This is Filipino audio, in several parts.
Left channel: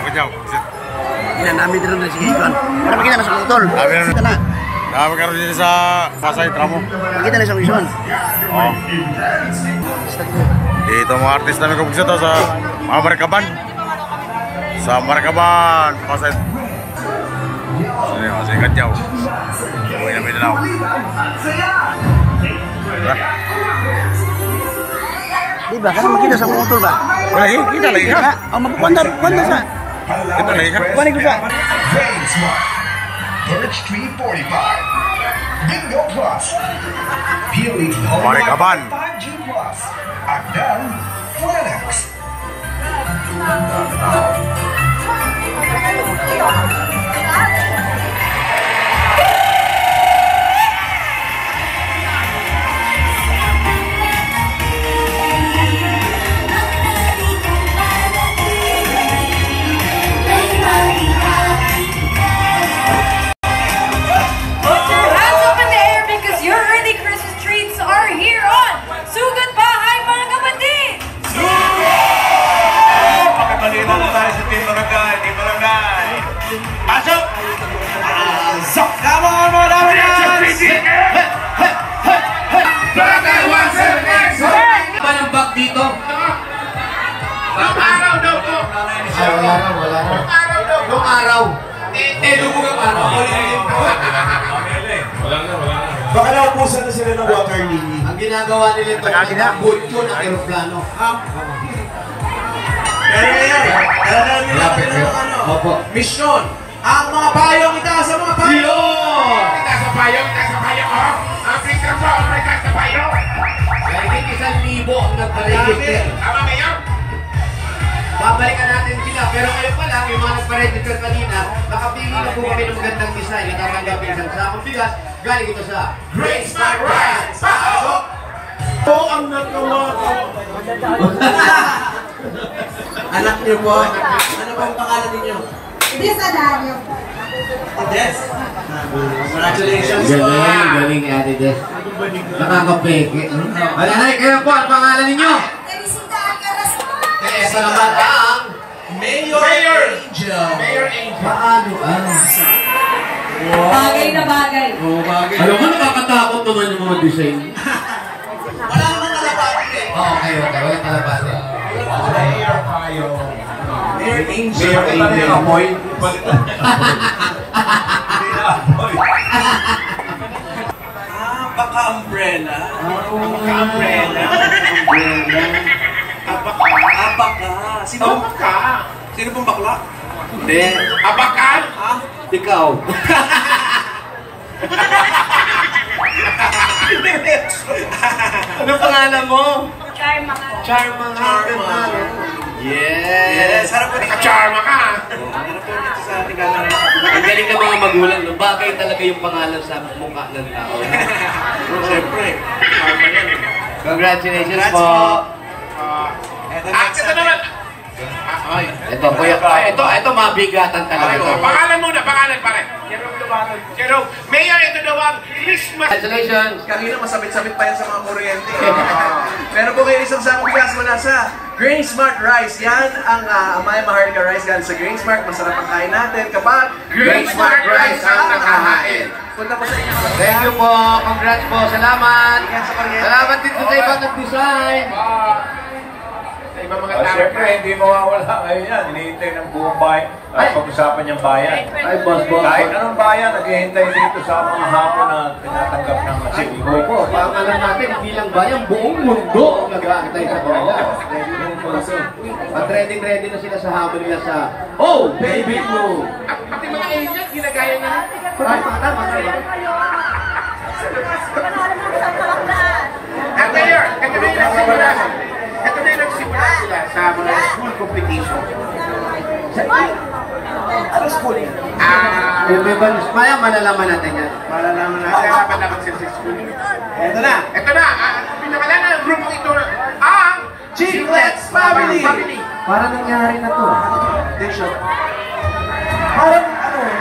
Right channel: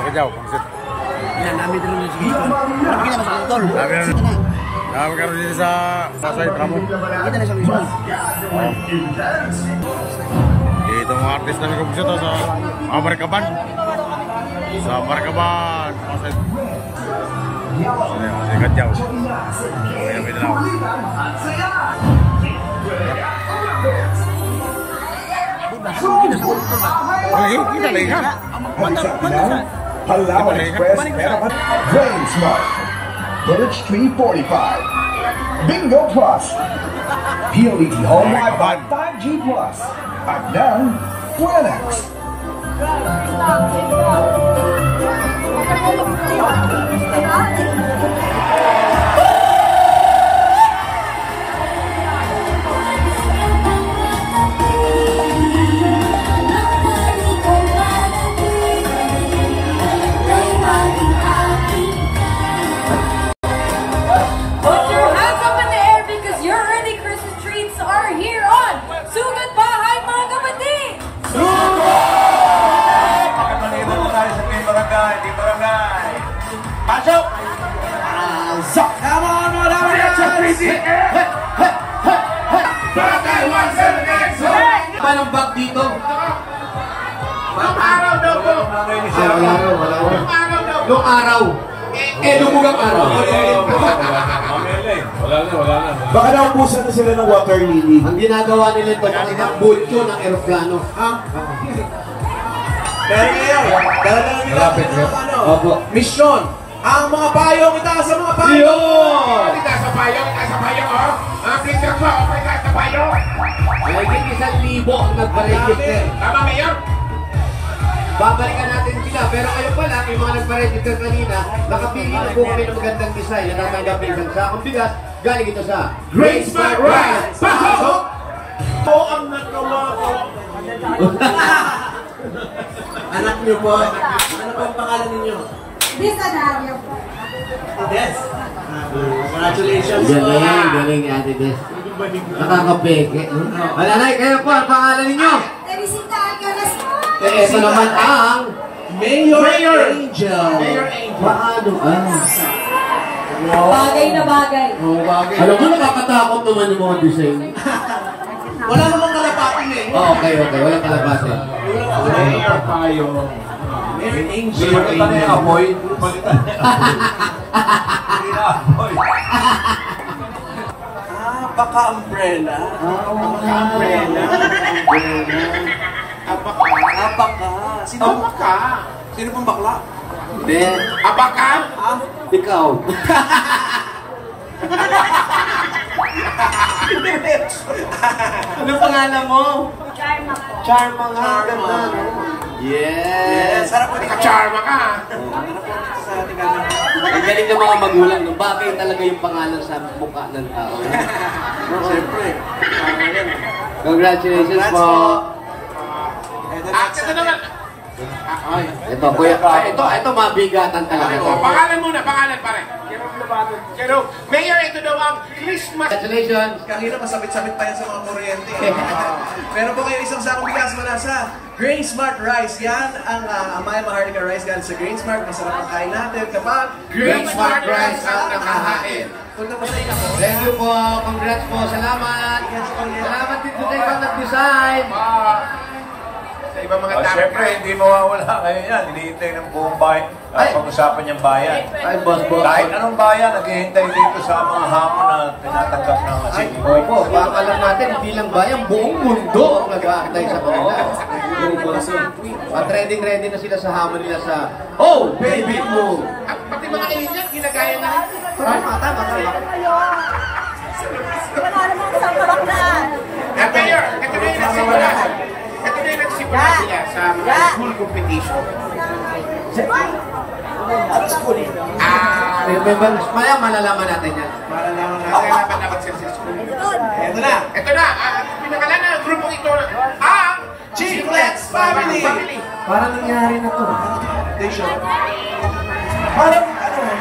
Kajau. Ina namin dito na sige ikon. Para makita na sa utol. Kita na. Magkaroon din sa Pasay Tramo. Makita na sa Quezon. Oh. Dito mga artist namin kabugsa to sa mga Markaban. Sa Markaban, Pasay. Sini masih Kajau. Uwi na Mindanao. Di ba? Kan makita sa utol ba? Wala lagi, kita lagi kan? Ang magpandar sa. Kita lagi kan? Balik ko sa. Brain Smart. Village 345. Bingo Plus. PLDT Home Marikaban. 5G Plus. At now, Flenex. Pasok! Pasok! Come on, mga dapat yan! Ba ng bag dito? Araw daw po! Nung araw? Dumugang araw. Wala na. Baka naubusan na sila ng water lily. Ang ginagawa nila ito, ang bulto ng aeroplano. Pero ngayon, dahil namin Opo. Mission! Ang mga payong, itaas sa mga payong! Itaas sa payong, oh! African sa Africa sa payong! Mahigit 1,000 ang nagpa-register. Tama, Mayor? Babalikan natin sila. Pero ngayon pa lang, yung mga nagpa-register kanina, nakapili na po kami ng magandang design na tatanggap ng isang sakong bigas. Galing ito sa Great Smart Rice! Pasok! Po ang nagawa ko. Anak niyo po. Ano ba ang pangalan ninyo? Des Adario. Des? Congratulations po. Galing ni Ate Des. Nakakapeke. Wala na, kayo po ang pangalan ninyo. Teresita Alcaraz po. Ito naman ang Mayor Angel. Paano? Bagay na bagay. Bagay. Alam mo, nakakatakot naman yung mga design. Wala namang kalapati eh. Okay. Wala kalapati. Mayor Payo. Mayor Angel. Mayor Angel. Amoy. Baka umbrella. Baka umbrella. Abaka. Sino pong baka? Sino pong bakla? Hindi. Abakan? Ikaw. Ano pangalan mo? Charma nga. Yes. Sarap po dito. Charma ka. Sarap po dito sa ating camera. Ang galing ng mga magulang. No? Bagay talaga yung pangalan sa mukha ng tao. Siyempre. Congratulations po. Ito naman. Ito po yung... Ito mabigatan talaga. Pangalan muna, pangalan pare. Jerome. Mayor, ito daw ang Christmas. Congratulations. Kanina masabit-sabit pa yan sa mga kuryente. Meron po kayo isang sakong bigas mula sa Grain Smart Rice. Yan ang Amaya Maharlika Rice galing sa Grain Smart. Masarap ang kain natin kapag Grain Smart Rice ang nakahain. Punta po sa inyo. Thank you po. Congrats po. Salamat. Salamat din sa ibang nag-design. Ibang mga tao. Siyempre, hindi mawawala ngayon yan. Hinihintay ng buong bayan. Pag-usapan niyang bayan. Ay, boss. Kahit anong bayan, naghihintay dito sa mga hamon na tinatanggap ng Masingboy. Opo, parang alam natin, bilang bayan, buong mundo ang nag-aantay sa kanila. At ready na sila sa hamon nila sa Oh, Baby Blue! At pati mga alien, ginagaya na rin. Tama. At Mayor, ito na yung nagsimula. Ito na yung nagsimula sila sa mga school competition. Ano school yan? Maya, malalaman natin yan. Malalaman natin. Laban sila sa school. Ito na. Ito na, pinakalan ng grupo ito, ang Chiclets Family. Parang nangyari na to. Attention. Parang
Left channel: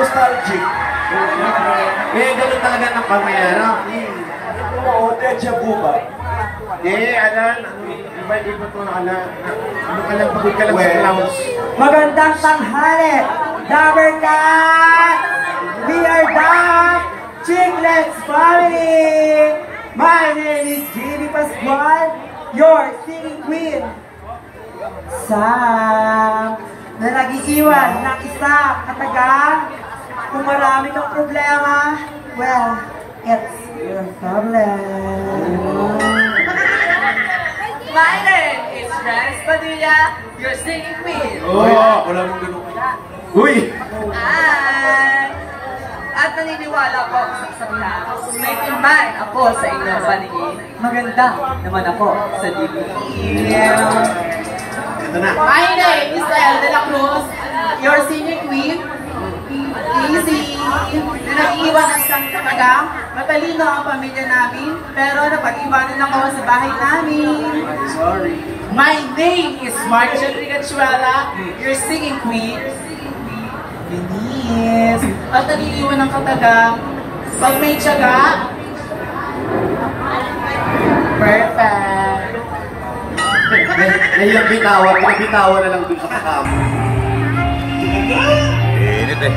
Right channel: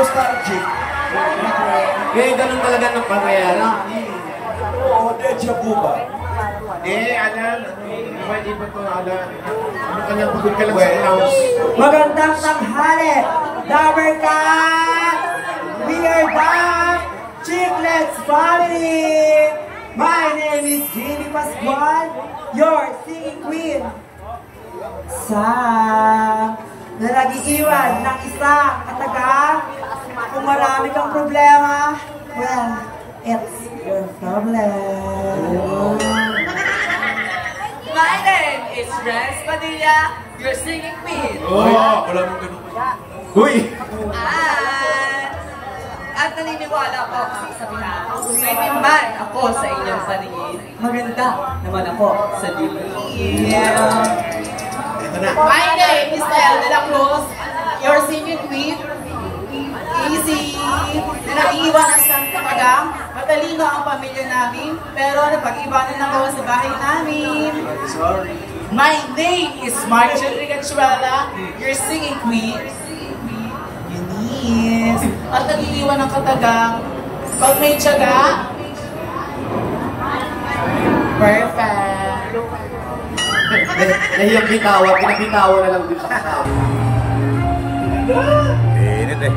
nostalgic. Ganun talaga ng pangyayari. Oo, deja vu ba? Alan, iba to, Alan. Ano ka lang, pagod ka lang sa clowns. Magandang tanghali, Dabarkat! We are the Chiclets family! My name is Jenny Pascual, your singing queen. Sam, na nag-iiwan ng isang kataga. Kung marami kang problema, well, it's your problem. My name is Rance Padilla, your singing queen. Wala mong ganun. Uy! At naniniwala po sa kasabihan, kung may man ako sa inyong paningin, maganda naman ako sa dibdib. Ito na. My name is Elle de la Cruz, your singing queen. Easy! Na nag-iwan ng isang katagang, matalino ang pamilya namin, pero napag-iwanan ako sa bahay namin. Sorry. My name is Marcia Rigachuela, your singing queen. Eunice. At nag-iwan ng katagang, pag may tiyaga, perfect. Nahiyang bitawan, pinabitawan na lang dun sa kasama. Init eh.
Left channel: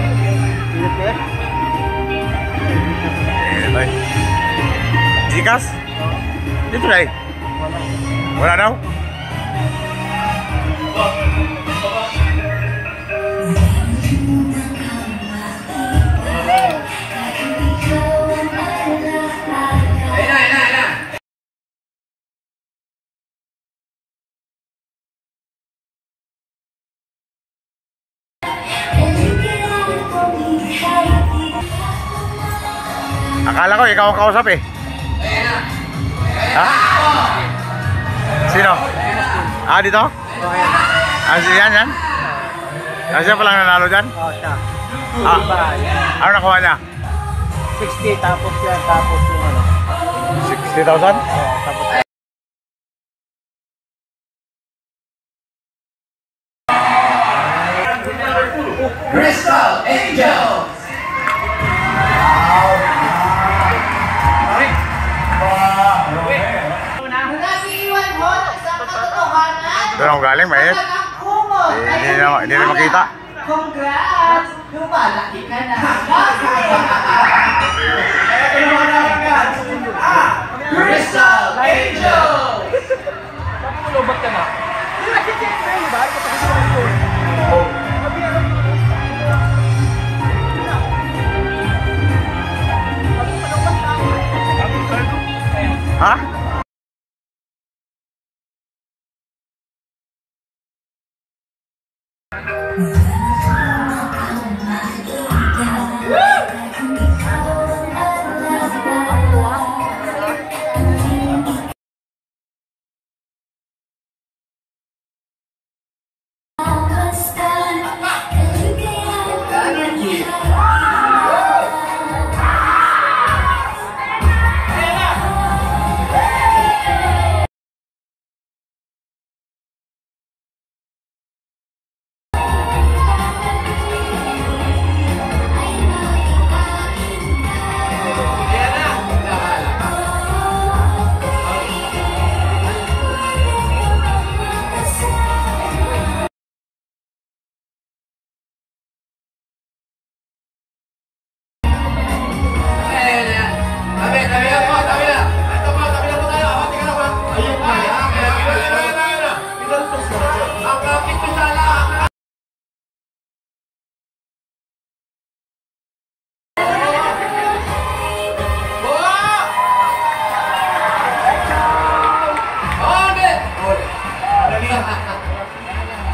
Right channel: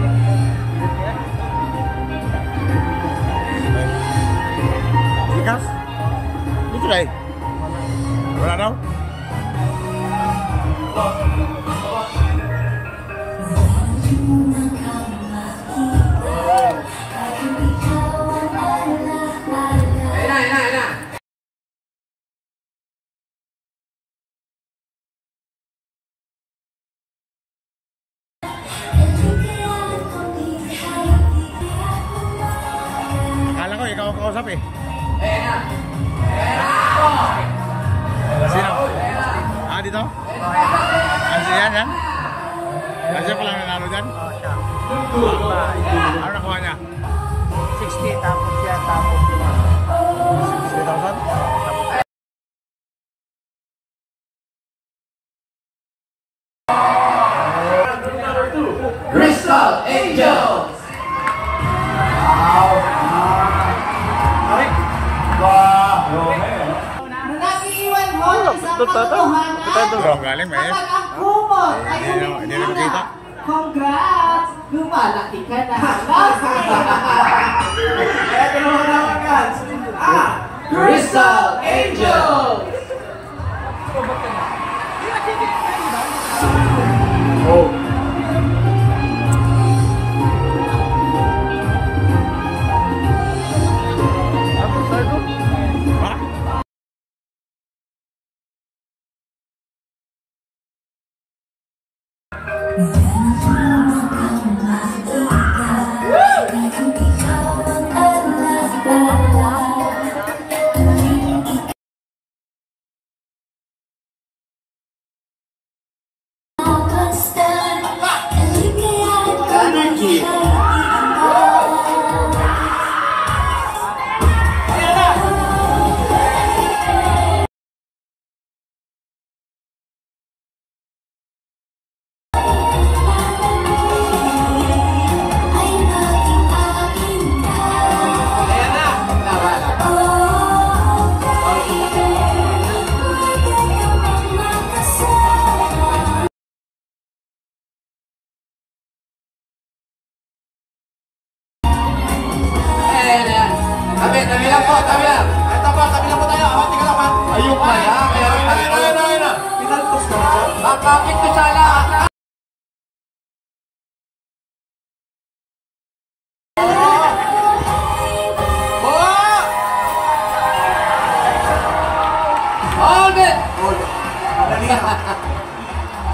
Init eh. Jikas? Dito na eh. Wala daw? Akala ko ikaw ang kausap eh. Ha? Sino? Dito? Yan? Siya palang nanalo dyan? Ano nakuha niya? 60 tapos 60,000? Crystal Angel! Nag-iwan mo ng isang katotohanan. Doon ako galing, mahit. Hindi na makita. Congrats! Lumalaki ka na. Crystal Angel! Ha?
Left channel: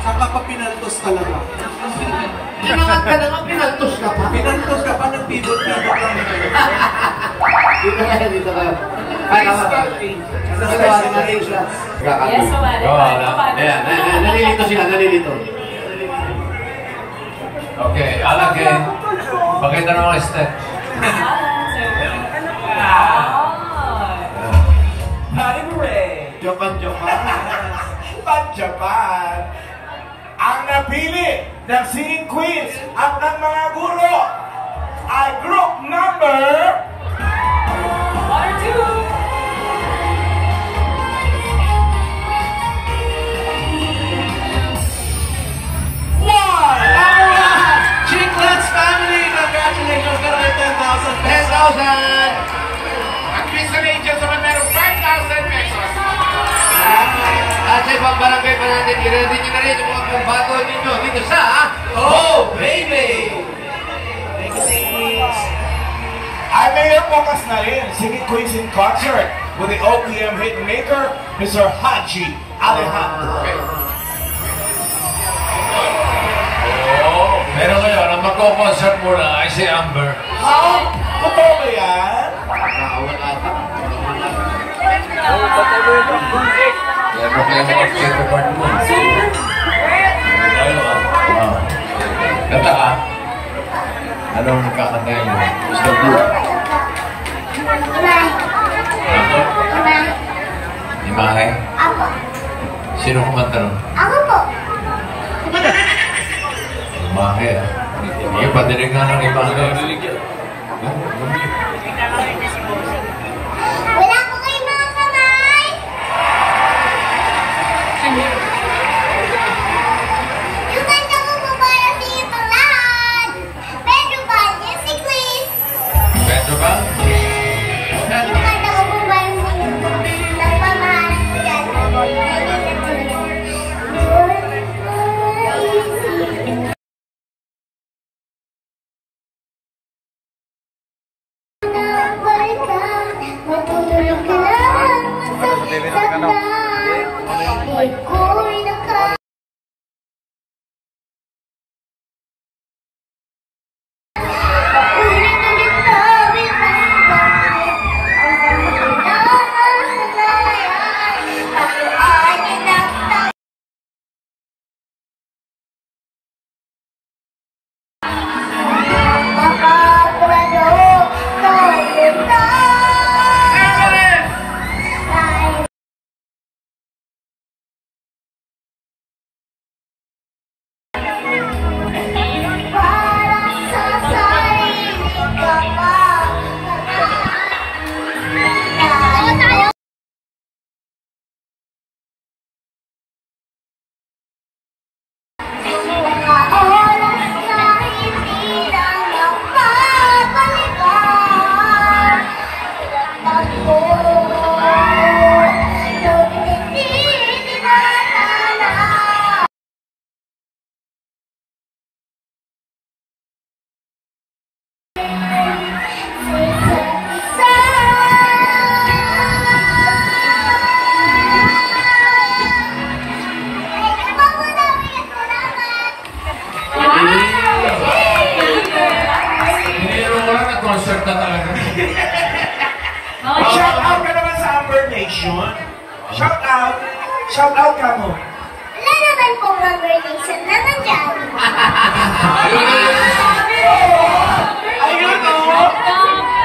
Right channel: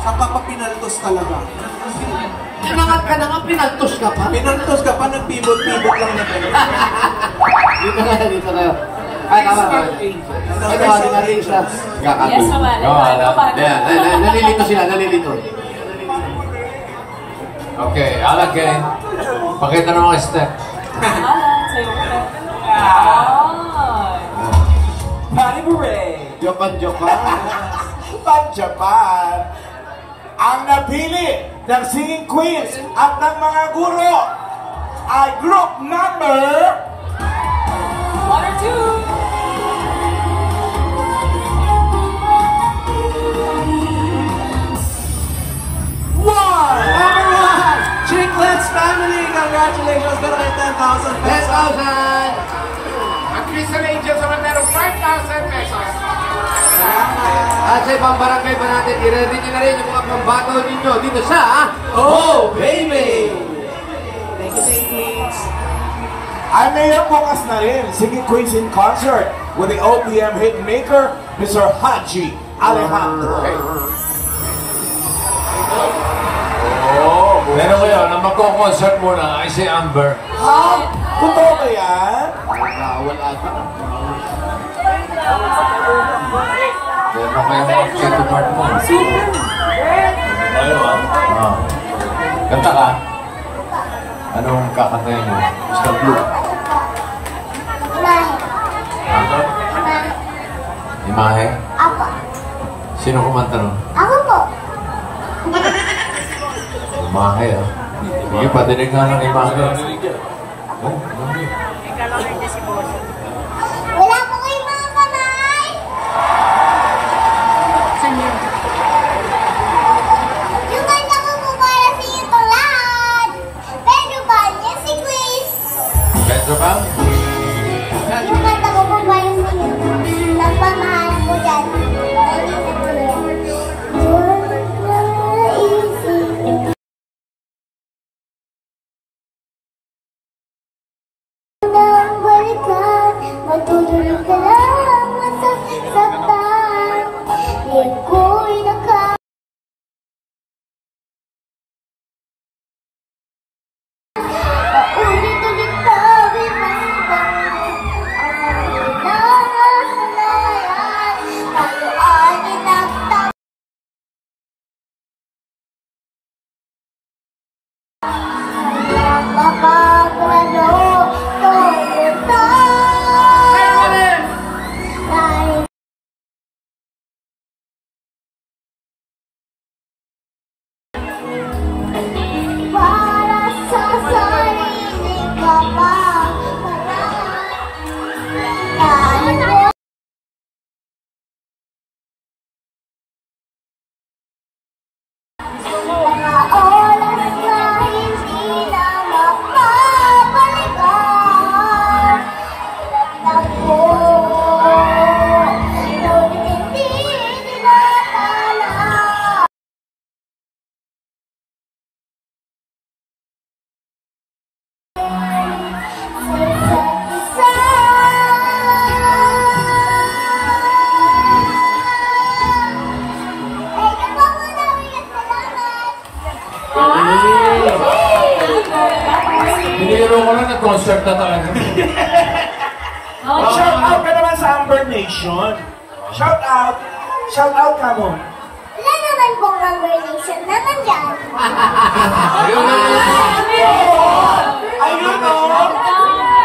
Saka pa pinaltos talaga. Inangat ka na nga, pinaltos ka pa. Pinaltos ka pa, nagpibot-pibot lang na gano'n. Dito na yan. Ay, tama ba? Ito, Maria siya. Yes, Ayan, nalilito sila, nalilito. Okay, alagay. Pakita na mga step. Jokan. Pan-Japan. Ang napili ng singing queens at ng mga guro ay group number 1 or 2. At Mr. Angel naman meron 5,000 pesos. At sa ibang barangay pa natin, i-ready nyo na rin yung mga pambato ninyo dito sa Oh Baby! Thank you, Singing Queens. Ay, mayor bukas na rin, Singing Queens in concert with the OPM hitmaker, Mr. Haji Alejandro. Pero ngayon, ang magko-concert muna ay si Amber. Ha? Totoo ba yan? Wala ka. Meron kayo mag-check part mo. Tayo Kanta ka. Anong kakantayin mo? Mr. Blue? Ako? Imahe? Ako. Sino kumanta nun? Ako po. Imahe Sige, patinig nga ng imahe. Wala po kayo mga kamay. Yung kanta ko po para sa itong lahat. Pedro ba niya si Chris? Pedro ba? Yung kanta ko po para sa iyo. Nagpamahalan ko dyan. Hinihiro ko lang nag-concert na talaga. Shout out ka naman sa Amber Nation. Shout out. Shout out ka mo. Wala naman pong congregation na nandyan. Ayun o.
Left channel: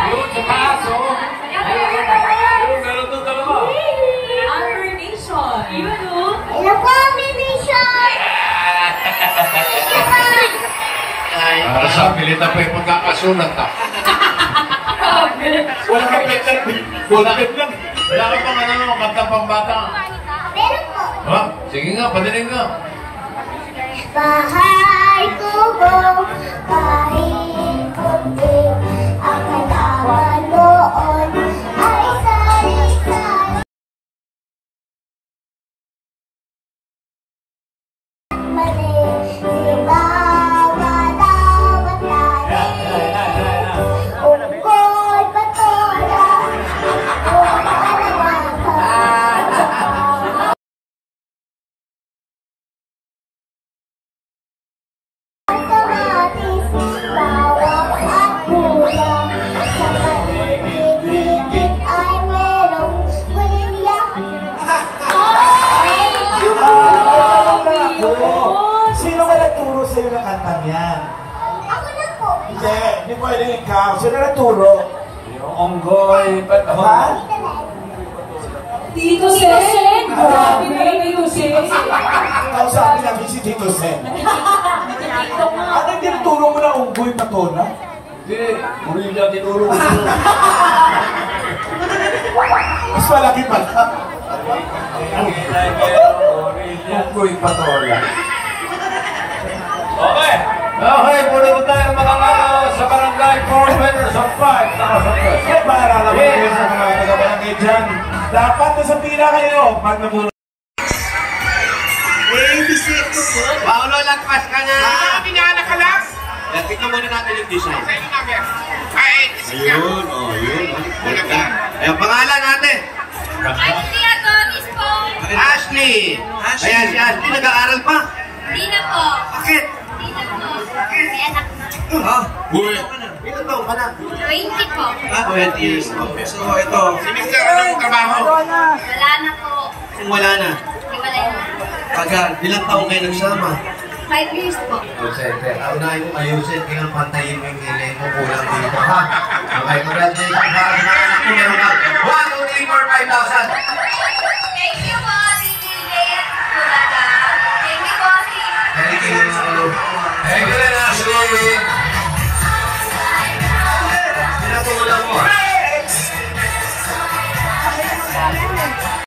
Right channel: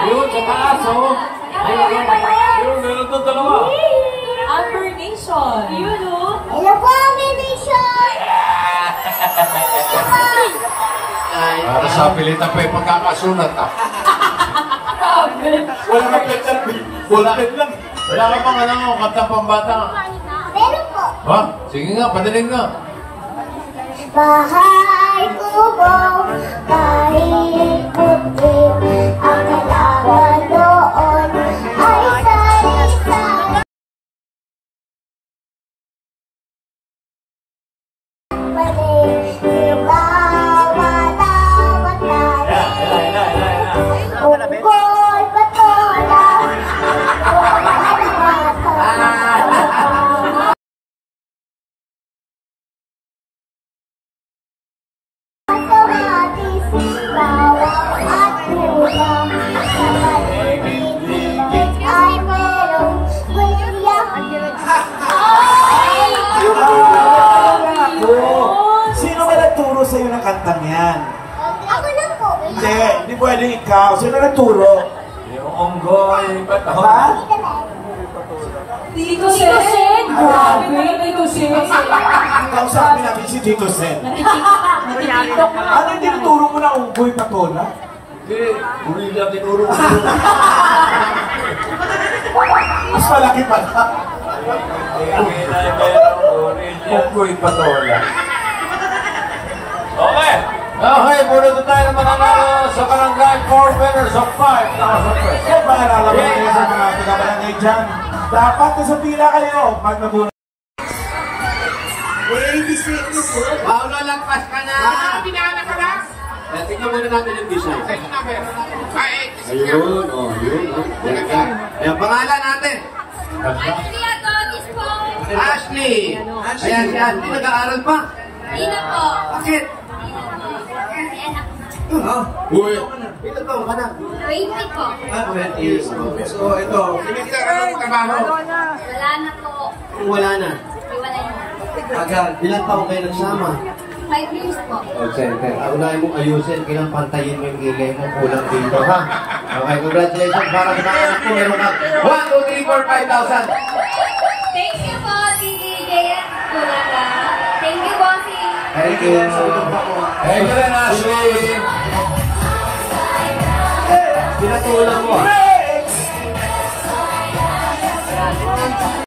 Yun, sa taas o. Yun, meron doon dalawa. Amber Nation. Yun o. Hello po, Amber Nation. Para sa pilita pa yung pagkakasulat ka. Wala ka pechat. Wala ka lang. Wala ka pang ano, kanta pambata nga. Meron po. Ha? Sige nga, patinig nga. Bahay kubo, kahit puti, ang halaman doon ay sari-sari. Mali, sila unggoy, patola, Sino ka nagturo sa'yo ng kantang yan? ako lang po. Hindi pwede ikaw. Sino nagturo? Yung onggoy, patola. Tito Sen! Grabe kayo, Tito Sen! Kausapin natin si Tito Sen. Natitiktok na. Ano yung tinuturo mo na unggoy patola? Hindi, Gorilla tinuro mo. Mas malaki pala. Unggoy patola. Okay. Okay, muna na tayo ng mga sa barangay 4 winners of 5,000 pesos. Para alam mo sa mga taga-barangay dyan, dapat sa pila kayo pag nabula. Paolo, lagpas ka na! Pinala ka lang! Tignan muna natin yung design. Ayun, yun. Ganda. Ayan, pangalan natin. Ashley Adonis po. Ashley. Ayan, si Ashley nag-aaral pa. Di na po. Bakit? Di na po. May anak na. Uy. Ilan taong ka na? 20 po. 20 years. Okay. So, ito. Si Mr. Anong trabaho? Wala na po. Kung wala na. Iwalay na. Tagal. Ilang taong kayo nagsama? 5 years po. Call center. Unahin mo ayusin, kailang pantayin mo yung kilay mo, kulang dito, ha? Okay, congratulations. Para sa mga anak mo, meron ka 1, 2, 3, 4, 5,000. Thank you po, DJ Kulaga. Thank you po, Thank you. Thank you, Ashley.